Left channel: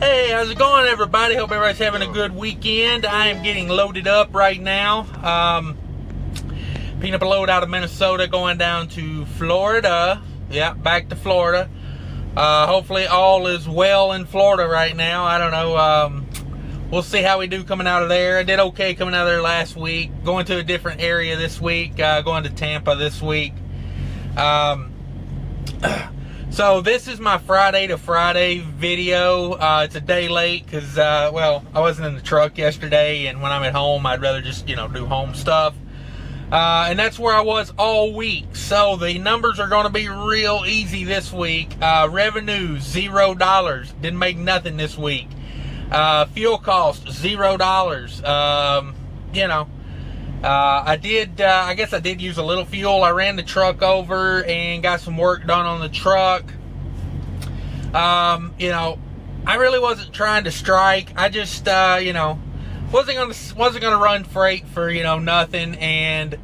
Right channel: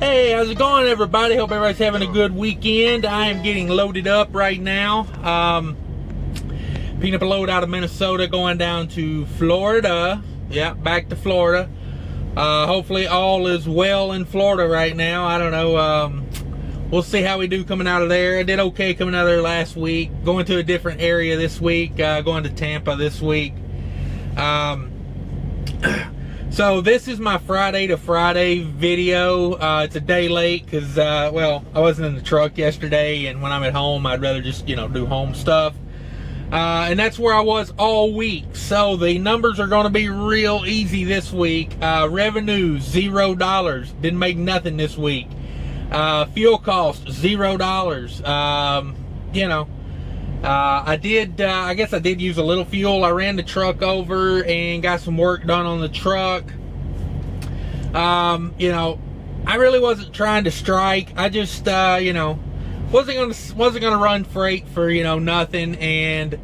Hey, how's it going, everybody? Hope everybody's having a good weekend. I am getting loaded up right now. Picking up a load out of Minnesota, going down to Florida. Yeah, back to Florida. Hopefully all is well in Florida right now. I don't know. We'll see how we do coming out of there. I did okay coming out of there last week. Going to a different area this week. Going to Tampa this week. So this is my Friday to Friday video. It's a day late because, well, I wasn't in the truck yesterday, and when I'm at home, I'd rather just, do home stuff. And that's where I was all week. So the numbers are going to be real easy this week. Revenue, $0. Didn't make nothing this week. Fuel cost, $0. I guess I did use a little fuel. I ran the truck over and got some work done on the truck. I really wasn't trying to strike. I just, wasn't gonna run freight for, nothing. And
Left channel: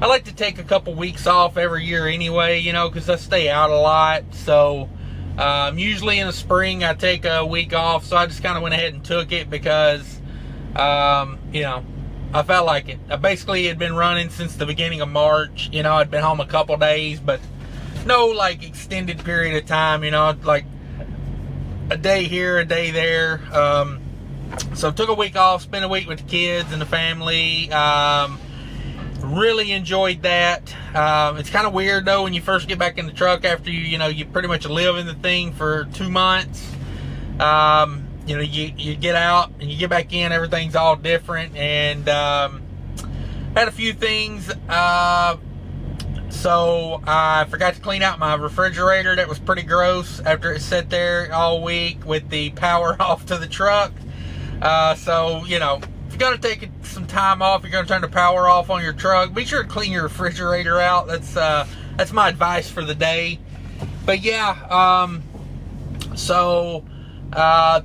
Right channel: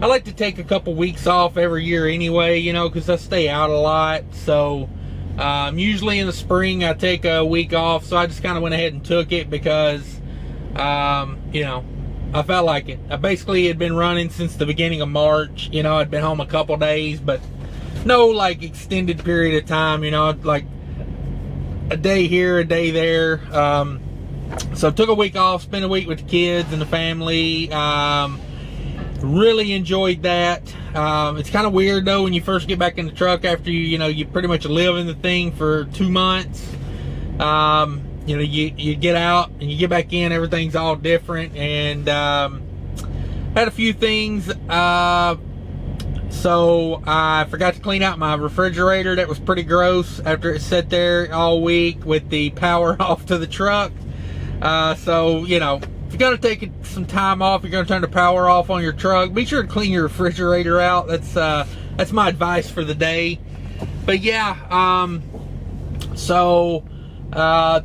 I like to take a couple weeks off every year anyway, because I stay out a lot. So, usually in the spring I take a week off. So I just kind of went ahead and took it because, I felt like it. I basically had been running since the beginning of March. I'd been home a couple days, but no like extended period of time, like a day here, a day there. So took a week off, spent a week with the kids and the family. Really enjoyed that. It's kind of weird though when you first get back in the truck after you pretty much live in the thing for 2 months. You get out and you get back in, everything's all different. And had a few things. So I forgot to clean out my refrigerator. That was pretty gross after it sat there all week with the power off to the truck. So, if you're going to take some time off, you're going to turn the power off on your truck, be sure to clean your refrigerator out. That's my advice for the day. But yeah,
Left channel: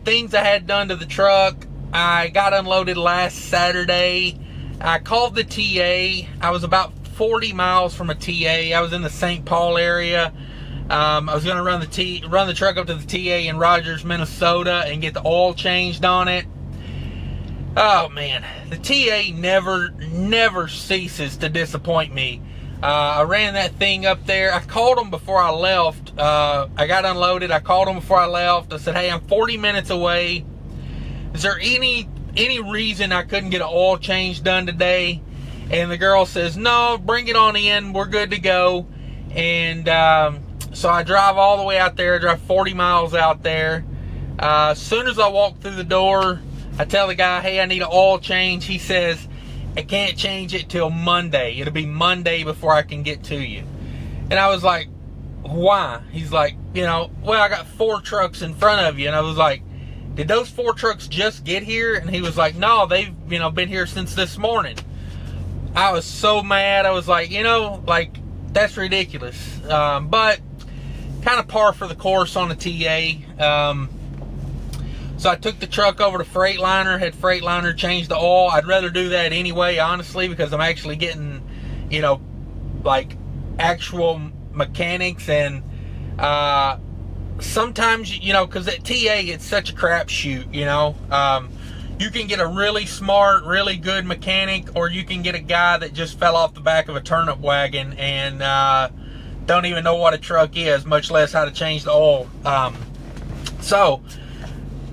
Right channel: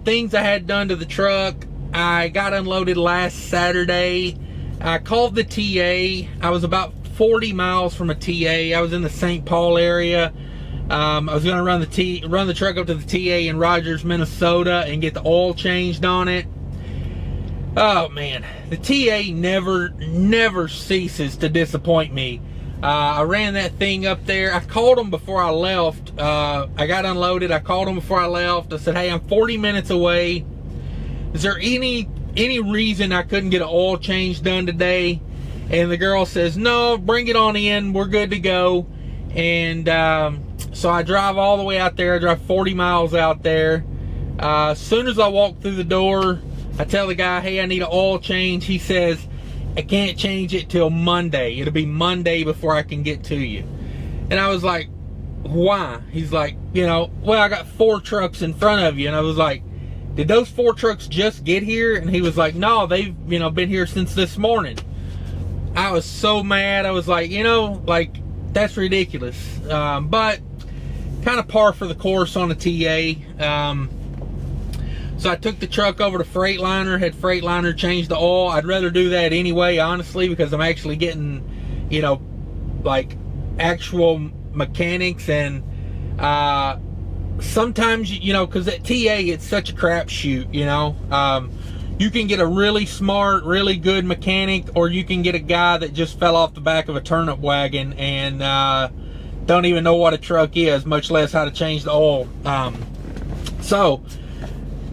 things I had done to the truck. I got unloaded last Saturday. I called the TA. I was about 40 miles from a TA. I was in the St. Paul area. I was going to run the truck up to the TA in Rogers, Minnesota, and get the oil changed on it. Oh man, the TA never ceases to disappoint me. I ran that thing up there. I called them before I left. I got unloaded. I called them before I left. I said, hey, I'm 40 minutes away. Is there any reason I couldn't get an oil change done today? And the girl says, no, bring it on in. We're good to go. And so I drive all the way out there. I drive 40 miles out there. As soon as I walk through the door, I tell the guy, hey, I need an oil change. He says, I can't change it till Monday. It'll be Monday before I can get to you. And I was like, why? He's like, well, I got 4 trucks in front of you. And I was like, did those 4 trucks just get here? And he was like, no, they've, been here since this morning. I was so mad. I was like, that's ridiculous. But kind of par for the course on the TA. So I took the truck over to Freightliner, had Freightliner change the oil. I'd rather do that anyway, honestly, because I'm actually getting, actual mechanics. And sometimes, because at TA, it's such a crapshoot, you can get a really smart, really good mechanic, or you can get a guy that just fell off the back of a turnip wagon and don't even know what a truck is, much less how to change the oil. So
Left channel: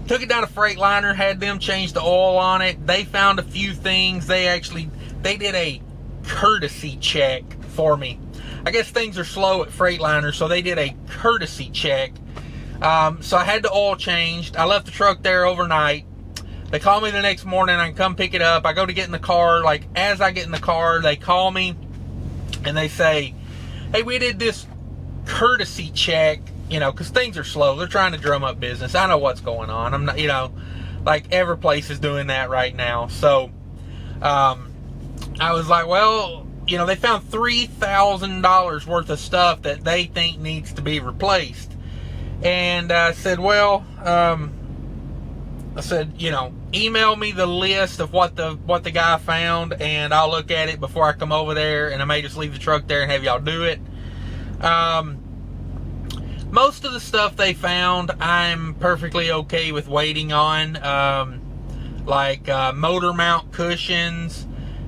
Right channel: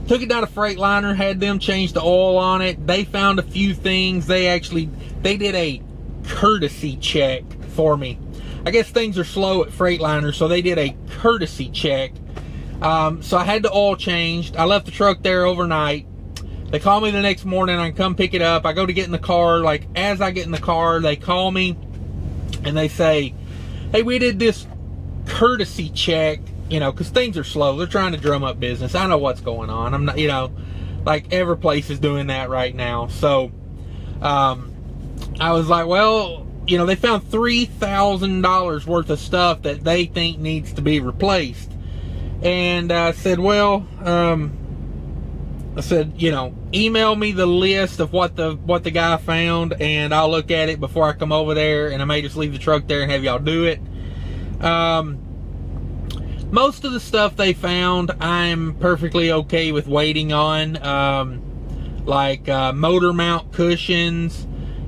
took it down to Freightliner, had them change the oil on it. They found a few things. They did a courtesy check for me. I guess things are slow at Freightliner, so they did a courtesy check. So I had the oil changed. I left the truck there overnight. They call me the next morning. I can come pick it up. I go to get in the car. Like, as I get in the car, they call me and they say, hey, we did this courtesy check, because things are slow. They're trying to drum up business. I know what's going on. I'm not, like every place is doing that right now. So, I was like, well, they found $3,000 worth of stuff that they think needs to be replaced. And I said, well, email me the list of what the guy found, and I'll look at it before I come over there, and I may just leave the truck there and have y'all do it. most of the stuff they found, I'm perfectly okay with waiting on, like motor mount cushions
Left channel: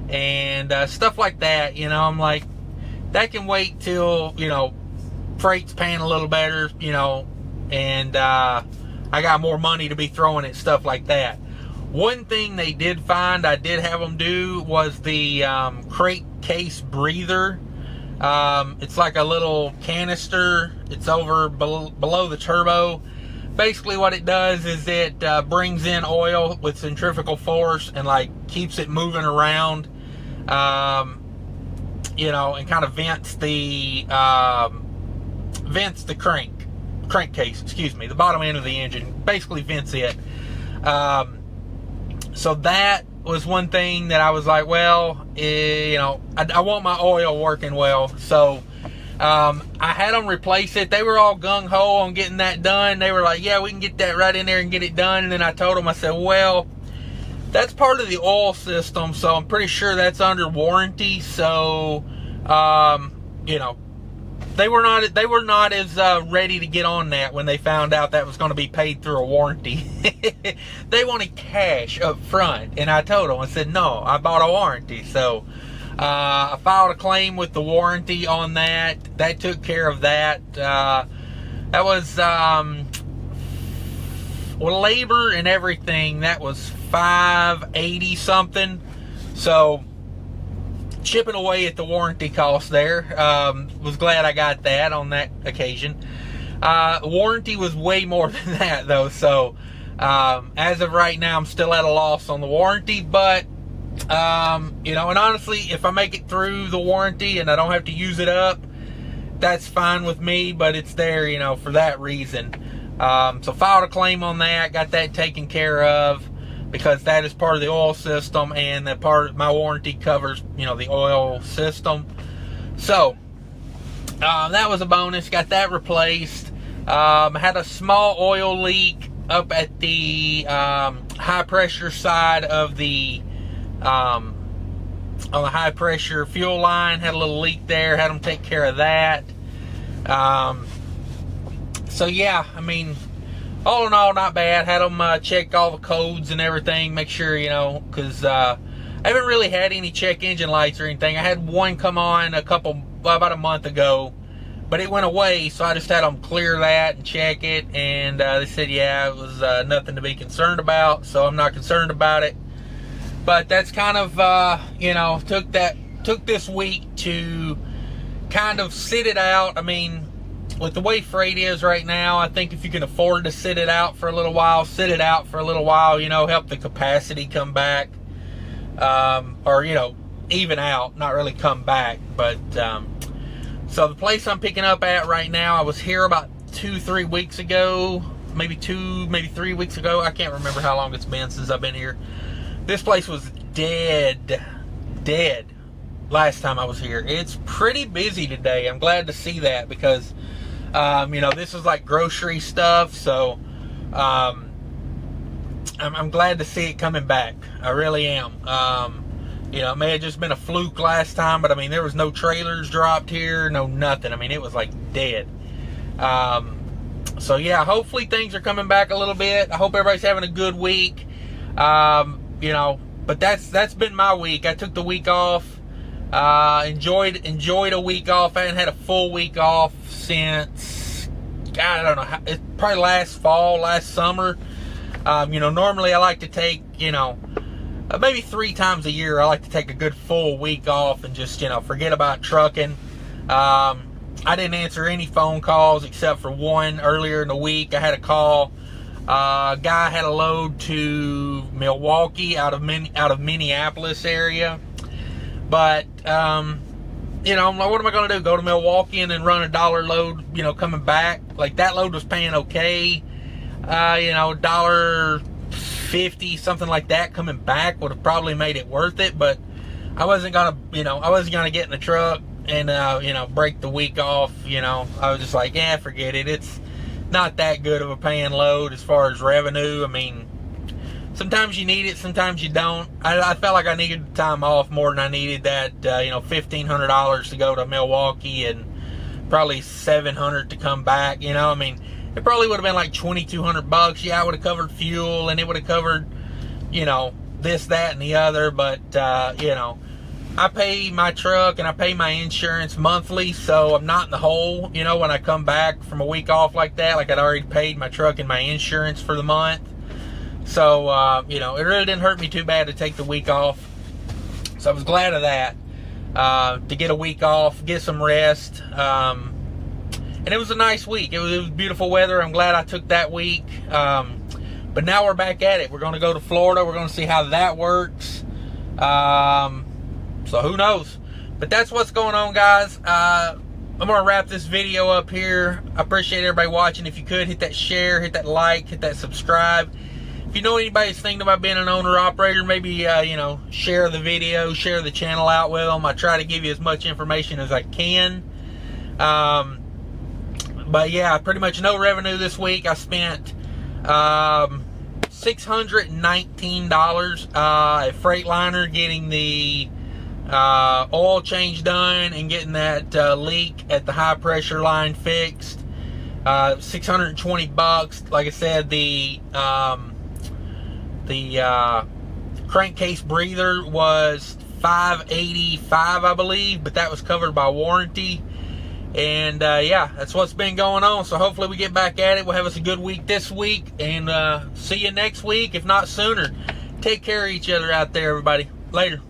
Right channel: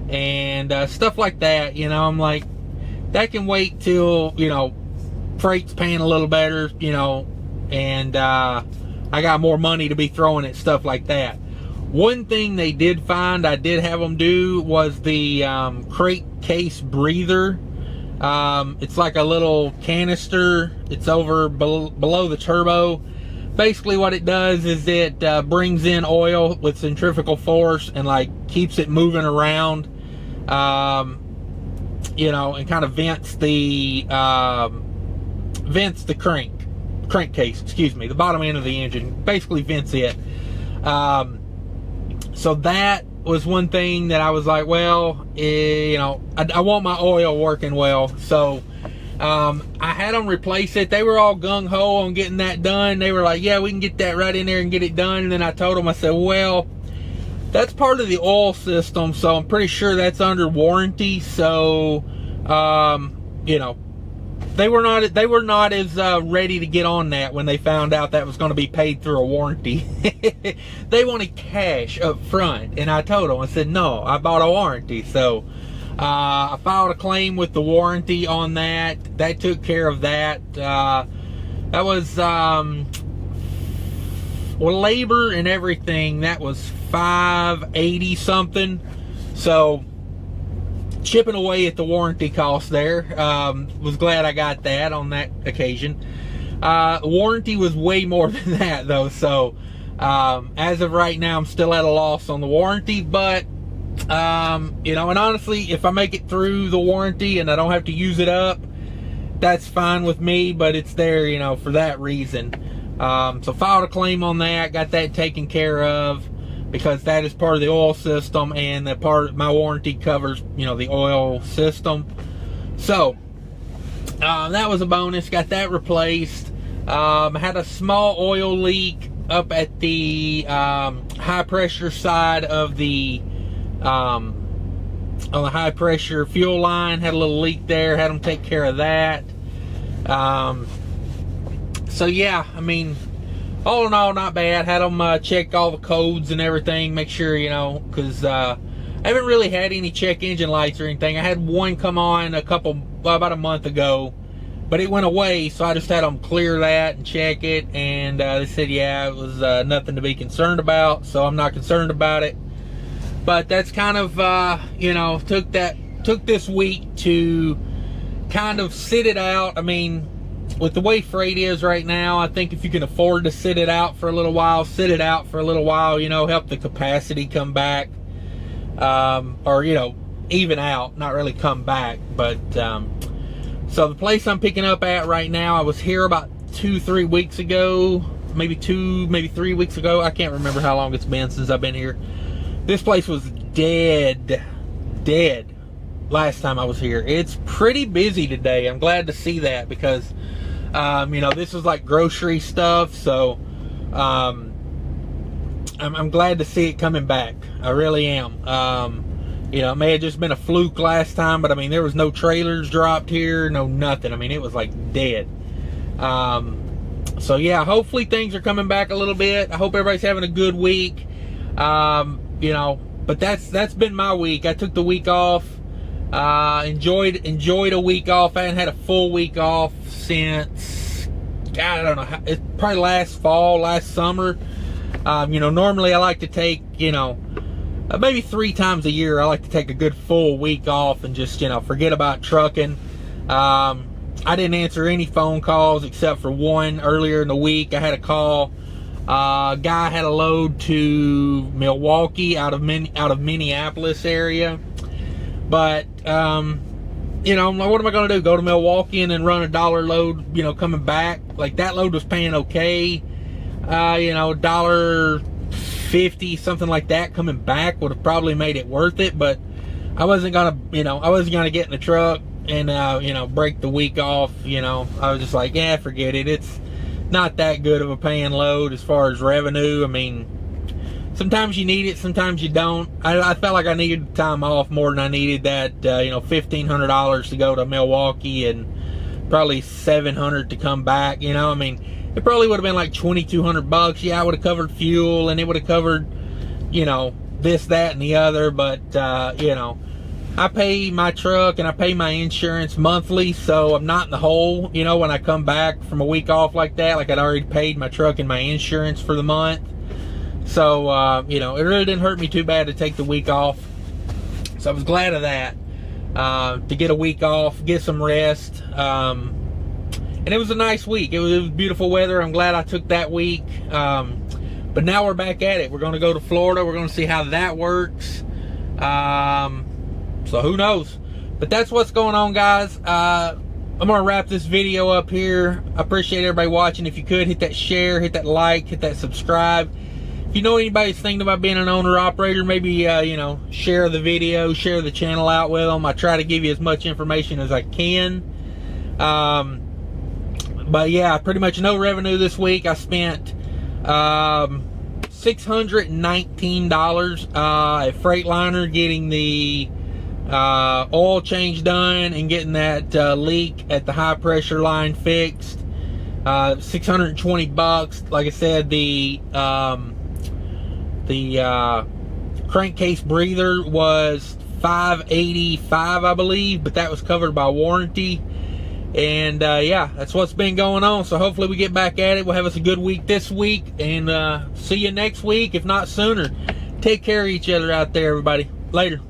and stuff like that. You know, I'm like, that can wait till, you know, freight's paying a little better, you know, and I got more money to be throwing at stuff like that. One thing they did find, I did have them do, was the crate case breather. It's like a little canister. It's over below the turbo. Basically what it does is it brings in oil with centrifugal force and like keeps it moving around, you know, and kind of vents the crankcase, excuse me, the bottom end of the engine, basically vents it. So that was one thing that I was like, well, you know, I want my oil working well. So I had them replace it. They were all gung-ho on getting that done. They were like, yeah, we can get that right in there and get it done. And then I told them, I said, well, that's part of the oil system, so I'm pretty sure that's under warranty. So you know, they were not as ready to get on that when they found out that was going to be paid through a warranty. They wanted cash up front, and I told them, I said, no, I bought a warranty. So I filed a claim with the warranty on that. That took care of that. That was well, labor and everything, that was $580 something. So chipping away at the warranty cost there. Was glad I got that on that occasion. Warranty was way more than that though, so as of right now I'm still at a loss on the warranty. But you know, and honestly, if I make it through the warranty and I don't have to use it up, that's fine with me. But it's there, you know, for that reason. So filed a claim on that, got that taken care of, because that is part of the oil system, and that part of my warranty covers, you know, the oil system. So that was a bonus. Got that replaced. Had a small oil leak up at the high pressure side of the on the high pressure fuel line. Had a little leak there. Had them take care of that. So yeah, I mean, all in all, not bad. Had them check all the codes and everything, make sure, you know, because I haven't really had any check engine lights or anything. I had one come on about a month ago, but it went away, so I just had them clear that and check it, and they said, yeah, it was nothing to be concerned about, so I'm not concerned about it. But that's kind of, you know, took this week to kind of sit it out. I mean, with the way freight is right now, I think if you can afford to sit it out for a little while, sit it out for a little while, you know, help the capacity come back, or, you know, even out, not really come back. But so the place I'm picking up at right now, I was here about 2-3 weeks ago, maybe 3 weeks ago. I can't remember how long it's been since I've been here. This place was dead last time I was here. It's pretty busy today. I'm glad to see that, because you know, this is like grocery stuff, so I'm glad to see it coming back. I really am. You know, it may have just been a fluke last time, but I mean, there was no trailers dropped here, no nothing. I mean, it was like dead. So yeah, hopefully things are coming back a little bit. I hope everybody's having a good week. You know, but that's been my week. I took the week off. Enjoyed a week off. I hadn't had a full week off since, God, I don't know, it's probably last summer. You know, normally I like to take, you know, maybe 3 times a year, I like to take a good full week off and just, you know, forget about trucking. I didn't answer any phone calls except for one earlier in the week. I had a call. Guy had a load to Milwaukee out of Minneapolis area. But, you know, what am I going to do? Go to Milwaukee and then run $1 load, you know, coming back? Like, that load was paying okay. You know, $1.50, something like that, coming back would have probably made it worth it. But I wasn't going to, you know, get in the truck and, you know, break the week off, you know. I was just like, yeah, forget it. It's not that good of a paying load as far as revenue. I mean, sometimes you need it, sometimes you don't. I felt like I needed the time off more than I needed that, you know, $1,500 to go to Milwaukee and probably $700 to come back. You know, I mean, it probably would have been like $2,200. Yeah, I would have covered fuel, and it would have covered, you know, this, that, and the other. But you know, I pay my truck and I pay my insurance monthly, so I'm not in the hole, you know, when I come back from a week off like that. Like, I'd already paid my truck and my insurance for the month. So, you know, it really didn't hurt me too bad to take the week off. So I was glad of that, to get a week off, get some rest. And it was a nice week. It was beautiful weather. I'm glad I took that week. But now we're back at it. We're going to go to Florida. We're going to see how that works. So who knows? But that's what's going on, guys. I'm going to wrap this video up here. I appreciate everybody watching. If you could, hit that share, hit that like, hit that subscribe. If you know anybody that's thinking about being an owner-operator, maybe, you know, share the video, share the channel out with them. I try to give you as much information as I can. But yeah, pretty much no revenue this week. I spent $619 at Freightliner getting the oil change done and getting that leak at the high pressure line fixed. $620. Like I said, the crankcase breather was $585, I believe, but that was covered by warranty. And yeah, that's what's been going on. So hopefully we get back at it. We'll have us a good week this week, and see you next week, if not sooner. Take care of each other out there, everybody. Later.